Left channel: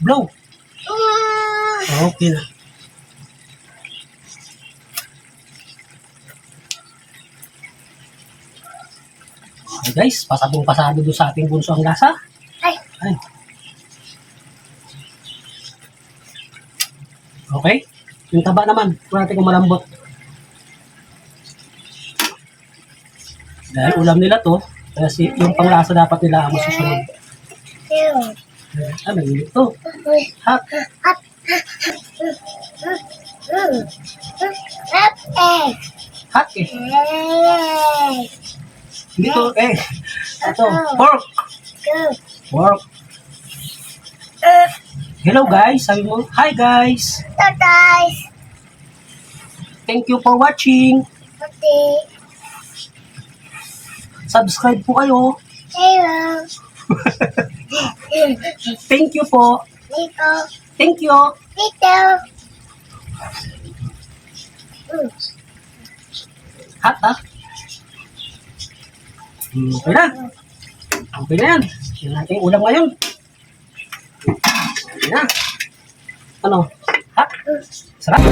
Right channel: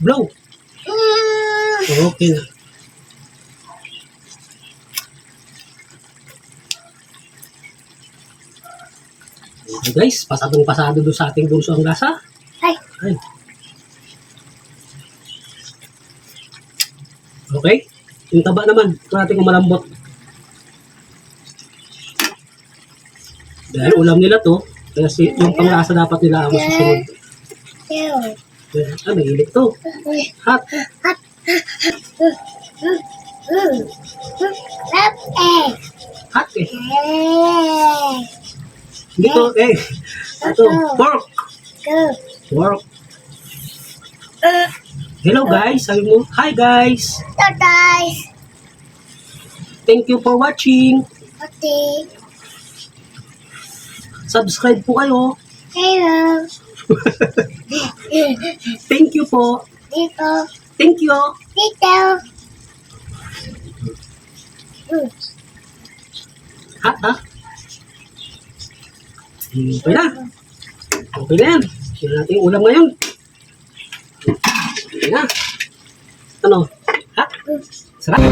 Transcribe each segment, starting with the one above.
Blow. Okay na. Okay guys, pasadong pasado doon sa ating bunso ang lasa. Ay. Ay. Okay. Yung taba naman, kung natin kung malambot. Dahil ulam nila to, kaya yung panglasa dapat nila ang masusunod. May ilik to. Hot. Hot eh. Hindi to eh. Ito, pork. Pork. Hello guys, sabi mo. Hi guys. Thank you for watching. Subscribe po kayo. Thank you po. Thank you. Hot ha? Okay na. Okay na yan. Yan natin yung ulam ngayon. Okay na. Ano? Hot? Sarap.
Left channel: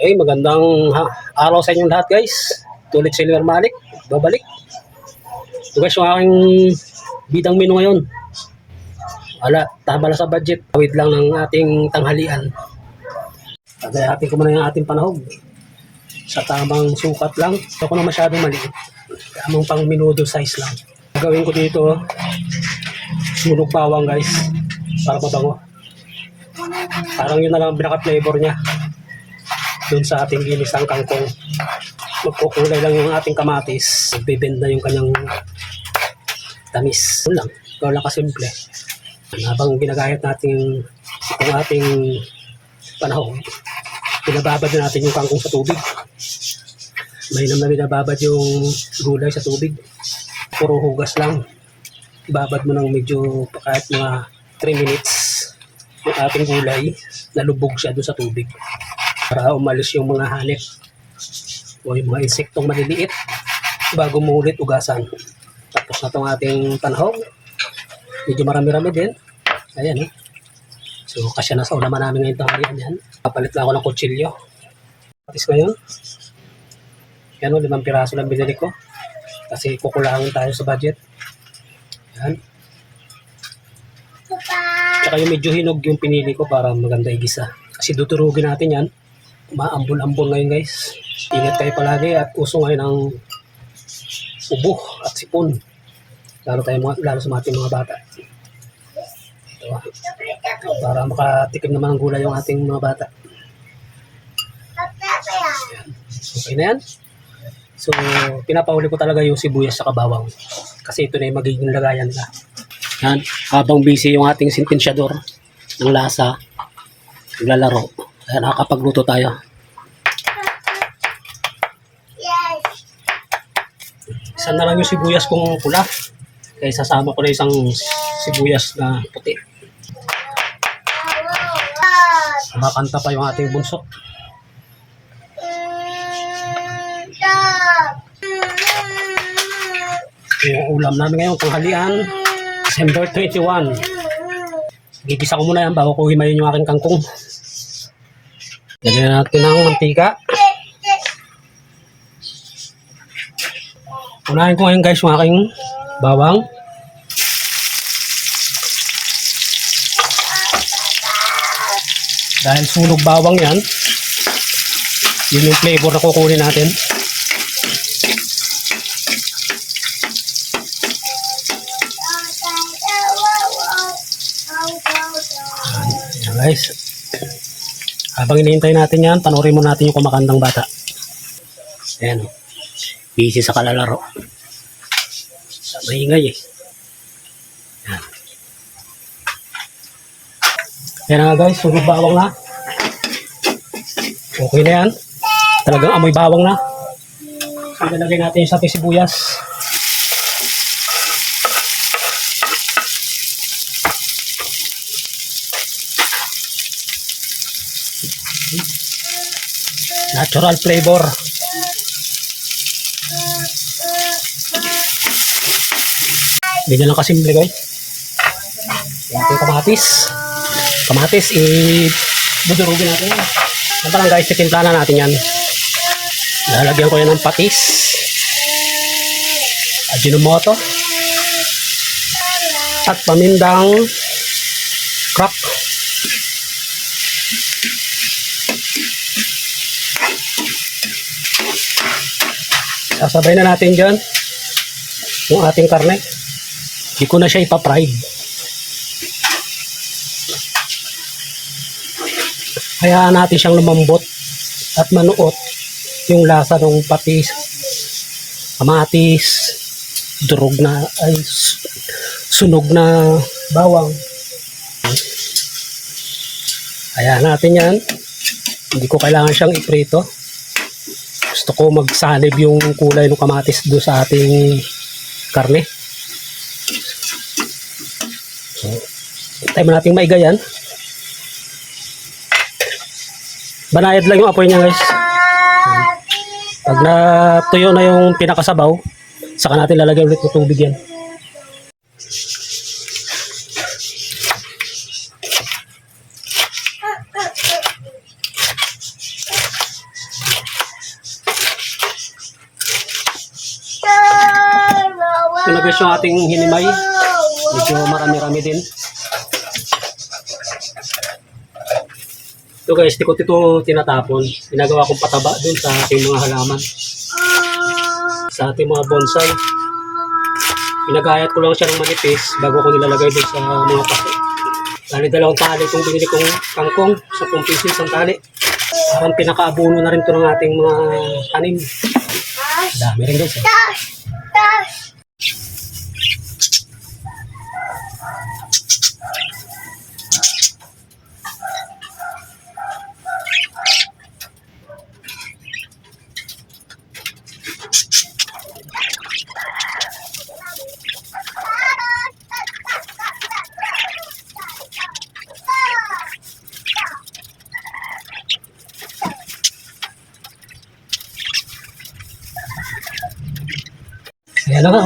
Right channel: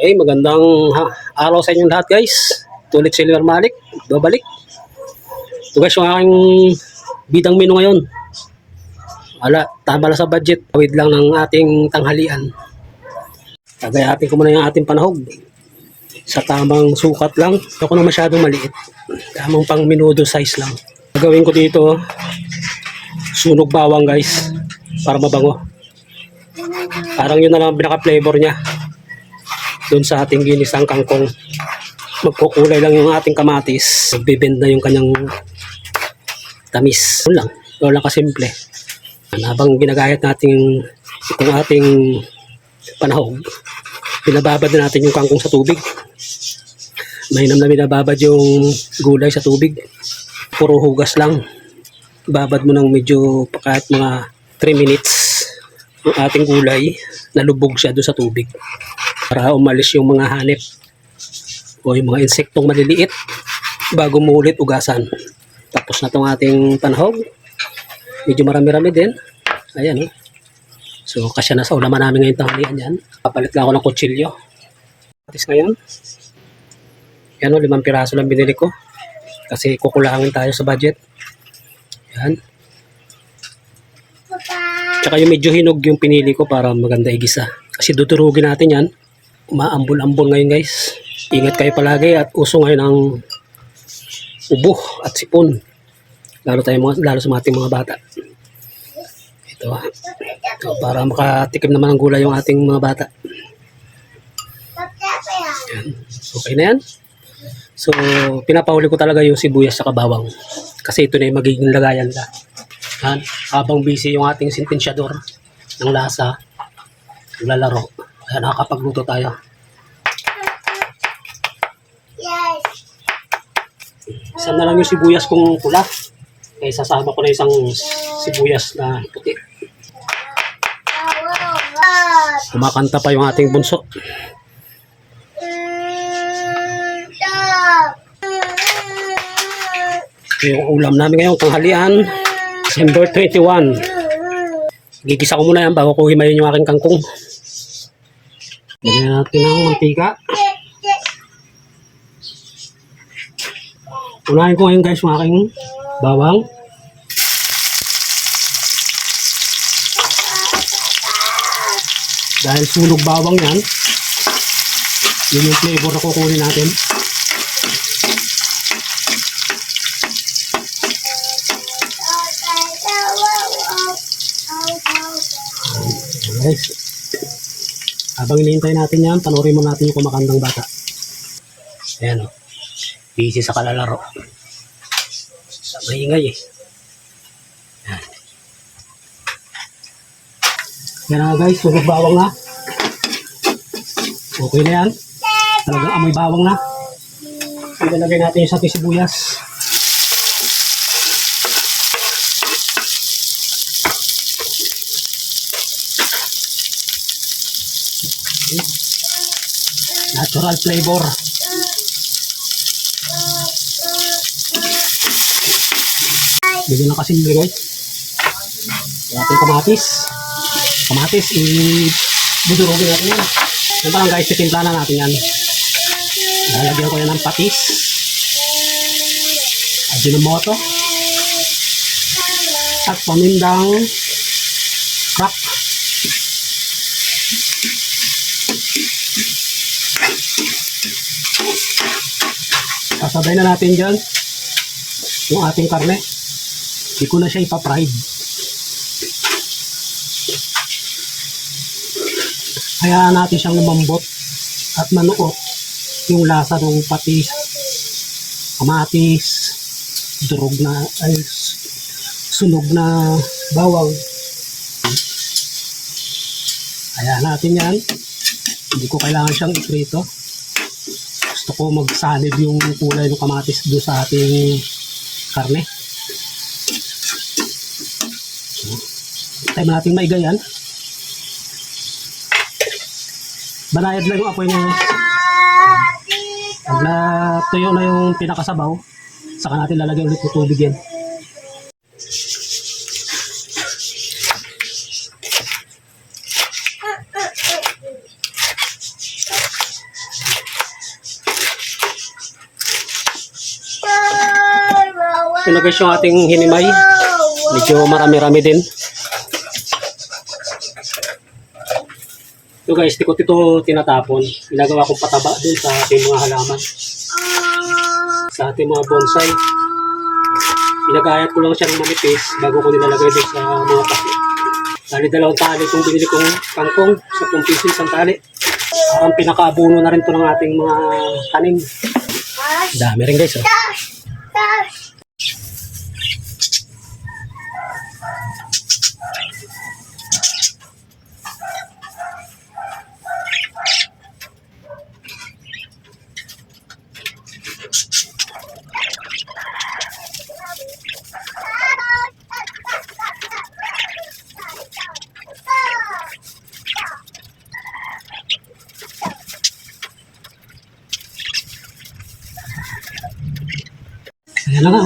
Okay, magandang araw sa inyong lahat guys. Tulit si Lior Malik. Babalik. Ito guys yung aking bidang menu ngayon. Tama lang sa budget. Tawid lang ng ating tanghalian. Tagayatin ko muna yung ating panahog. Sa tamang sukat lang. Ako na masyadong maliit. Tamang pang minudo size lang. Gagawin ko dito sunog bawang guys. Para mabango. Parang yun na lang pinaka-flavor niya. Doon sa ating ginisang kangkong. Magkukulay lang yung ating kamatis. Magbibend na yung kanyang tamis. Yun lang. Yun lang kasimple. Habang ginagayat natin itong ating panahon, pinababad na natin yung kangkong sa tubig. Mainam na binababad yung gulay sa tubig. Puro hugas lang. Babad mo ng medyo kahit mga 3 minutes yung ating gulay. Nalubog siya doon sa tubig. Para umalis yung mga hanip o yung mga insektong maliliit bago mo ulit ugasan. Tapos na itong ating panahog. Medyo marami-rami din. Ayan. So, kasya na sa ulaman namin ngayon tanghalian yan. Papalit lang ako ng kutsilyo. Patis ngayon. Yan o, 5 piraso lang binili ko. Kasi kukulangin tayo sa budget. Yan. Tsaka yung medyo hinog yung pinili ko para maganda igisa. Kasi duturugin natin yan. Maambol-ambol ngayon guys. Ingat kayo palagi at uso ngayon ang ubo at sipon. Lalo sa ating mga bata. Ito para makatikim naman ng gulay yung ating mga bata. Yan. Okay na yan. So, pinapahuli ko talaga yung sibuyas sa kabawang. Kasi ito na yung magiging lagayan nila. Yan. Habang busy yung ating sentensyador ng lasa, naglalaro. Kaya nakakapagluto tayo. Isa na lang yung sibuyas kong pula. Kaya sasama ko na isang sibuyas na puti. Kumakanta pa yung ating bunso. Yung ulam namin ngayon, tanghalian, December 21. Gigisa ko muna yan bago ko himayin yung aking kangkong. Lagyan natin ng mantika. Unahin ko ngayon guys yung aking bawang. Dahil sunog bawang yan, yun yung flavor na kukunin natin. Ayan guys. Habang hinihintay natin yan, panoorin mo natin yung kumakandang bata. Ayan o. Busy sa kalalaro. Sa maingay eh. Ayan. Ayan nga guys, sunog bawang na. Okay na yan. Talagang amoy bawang na. Ilalagay natin yung sapi sibuyas. Natural flavor. Ganyan lang kasimple guys. Yung ating kamatis. Kamatis, budurugin natin yan. Ganito lang guys, titimpla na natin yan. Lalagyan ko yan ng patis. Ajinomoto. At pamindang crack. Sasabay na natin dyan yung ating karne. Hindi ko na siya ipa-fried. Hayaan natin siyang lumambot at manuot yung lasa ng patis, kamatis, durog na, ay sunog na bawang. Hayaan natin yan. Hindi ko kailangan siyang iprito. Gusto ko magsalib yung kulay ng kamatis doon sa ating karne. So, tayo natin maigayan. Banayad lang yung apoy niya guys. Pag natuyo na yung pinakasabaw, saka natin lalagyan ulit ng tubig yan. Ito na guys yung ating hinimay. Medyo marami-rami din. Ito guys, tikot ito tinatapon. Ginagawa kong pataba dun sa ating mga halaman. Sa ating mga bonsai. Pinagayat ko lang siya ng manipis bago ko nilalagay dun sa mga paso. Dali dalawang tali itong binili kong kangkong sa 10 piso isang tali. Parang pinakaabuno na rin ito ng ating mga tanim. Dami rin guys. Ayan na nga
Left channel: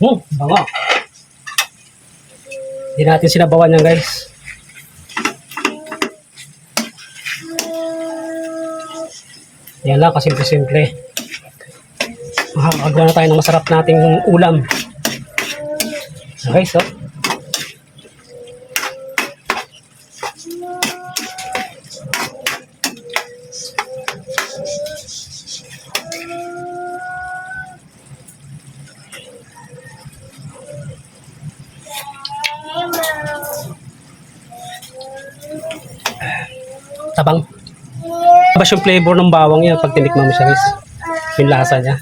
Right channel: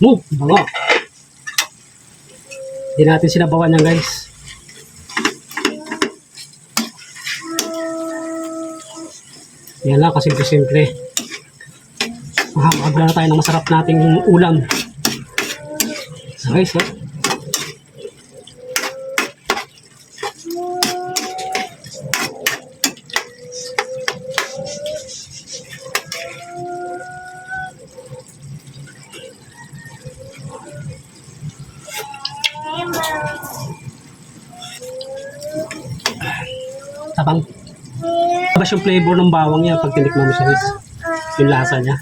oh. Bango. Hindi natin sinabawan yan guys. Yan lang, kasimple-simple. Makakagawa na tayo ng masarap nating ulam. Guys, oh. Tabang. Tapos yung flavor ng bawang yan pag tinikman mo siya guys. Yung lasa niya.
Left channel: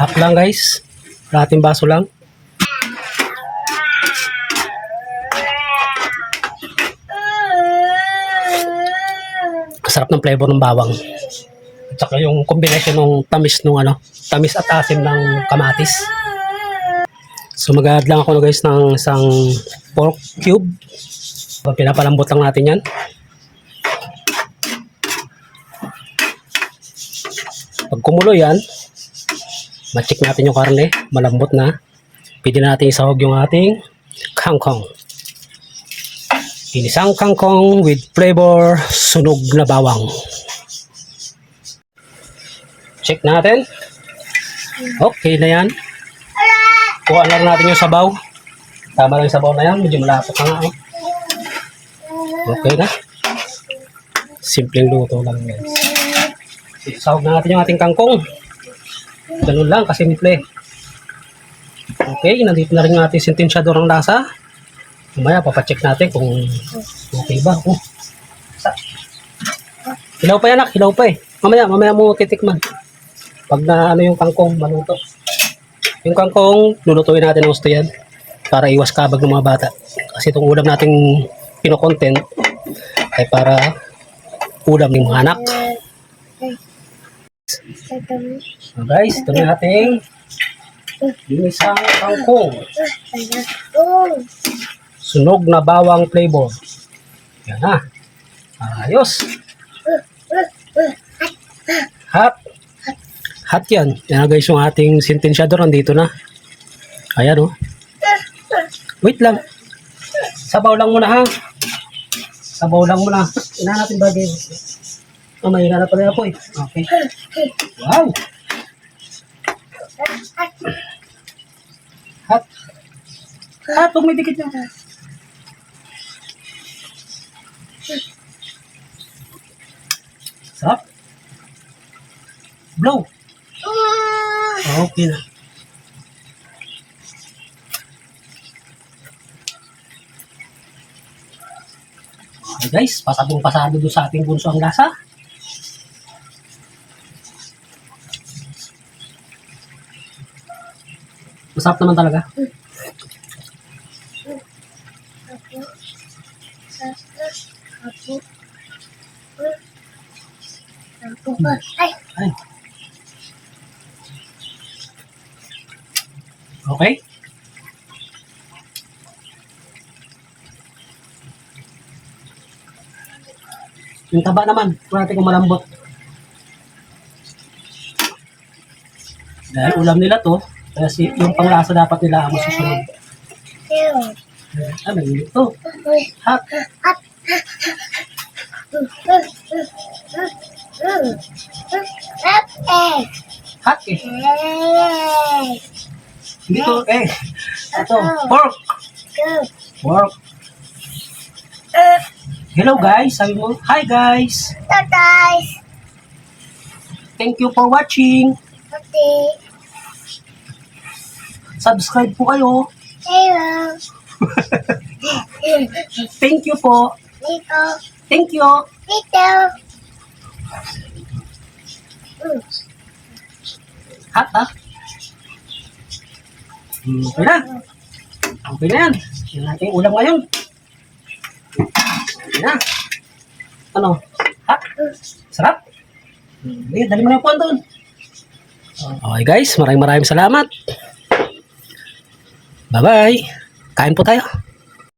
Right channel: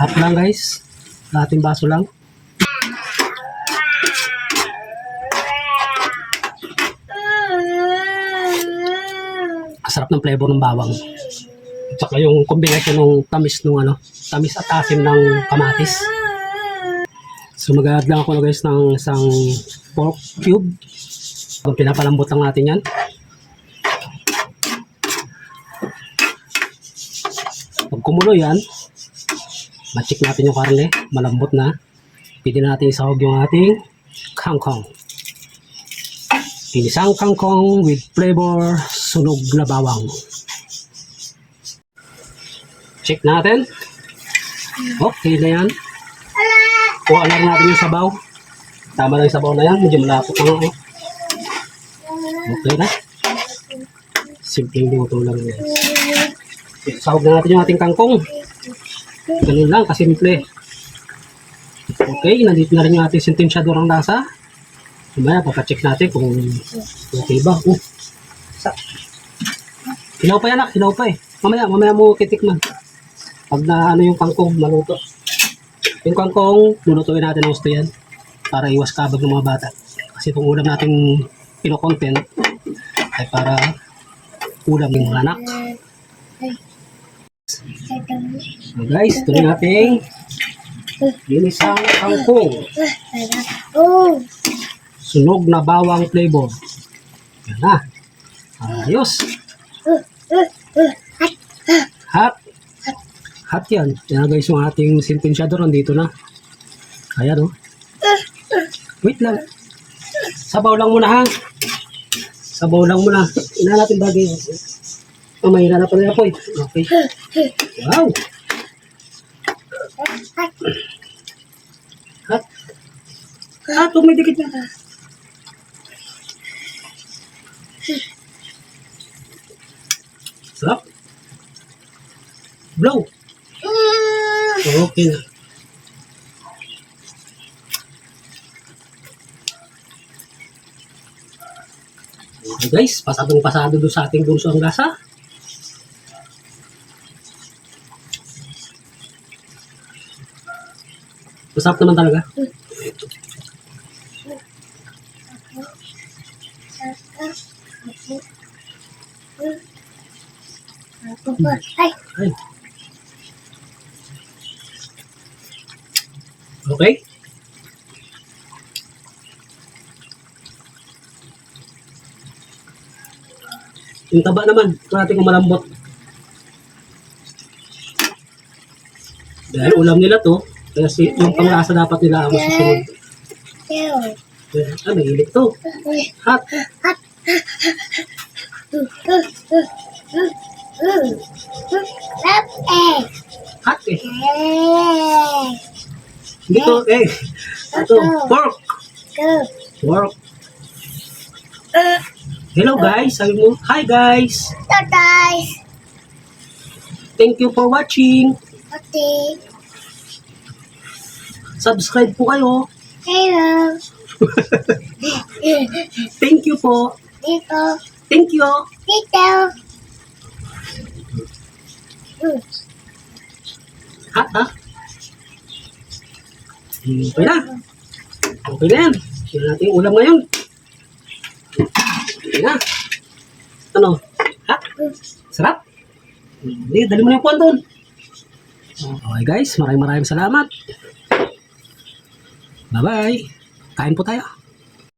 Half lang guys. Kalahating baso lang. Sarap ng flavor ng bawang. At saka yung combination ng tamis ng tamis at asim ng kamatis. So mag-add lang ako guys ng isang pork cube. So, pinapalambot lang natin yan. Pag kumulo yan, ma-check natin yung karne, malambot na. Pwede natin isahog yung ating kangkong. Ginisang kangkong with flavor sunog na bawang. Check natin. Okay na yan. Kuha na rin natin yung sabaw. Tama lang yung sabaw na yan. Medyo malapot na nga. Okay na. Simpleng luto lang guys. Sahog na natin yung ating kangkong. Ganun lang, kasimple. Okay, nandito na rin yung ating sentensyador ng lasa. Mamaya, papacheck natin kung okay ba. Hilaw pa yan, anak. Hilaw pa eh. Mamaya mo titikman. Pag na yung kangkong, maluto. Yung kangkong, lulutuin natin ng gusto yan. Para iwas kabag ng mga bata. Kasi itong ulam nating pinokontent ay para ulam ng mga anak. So guys, ito na natin ginisang kangkong. Sunog na bawang flavor. Yan na. Ayos. Hot. Hot yan. Yan na guys yung ating sentensyador. Nandito na. Ayan oh. Wait lang. Sabaw lang muna ha. Sabaw lang muna. Ina natin bagay. Oh, may ina na pala po eh. Okay. Wow. Hot. Hot. Huwag may dikit na. Sarap. Blow. Okay na. Okay guys, pasadong pasado doon sa ating bunso ang lasa. Masarap naman talaga. Ay. Okay. Yung taba naman, kung natin kung malambot. Dahil ulam nila to, kaya yung panglasa dapat nila ang masusunod. Ah, may ilik to. Hot. Hot eh. Hindi to eh. Ito, pork. Pork. Hello guys, sabi mo. Hi guys. Hello guys. Thank you for watching. Okay. Subscribe po kayo. Hello. Thank you po. Dito. Thank you. Dito. Hot ha? Okay na. Okay na yan. Yan natin yung ulam ngayon. Okay na. Ano? Hot? Sarap? Hindi, dali mo na yung puwan doon. Okay guys, maraming salamat. Bye-bye. Kain po tayo.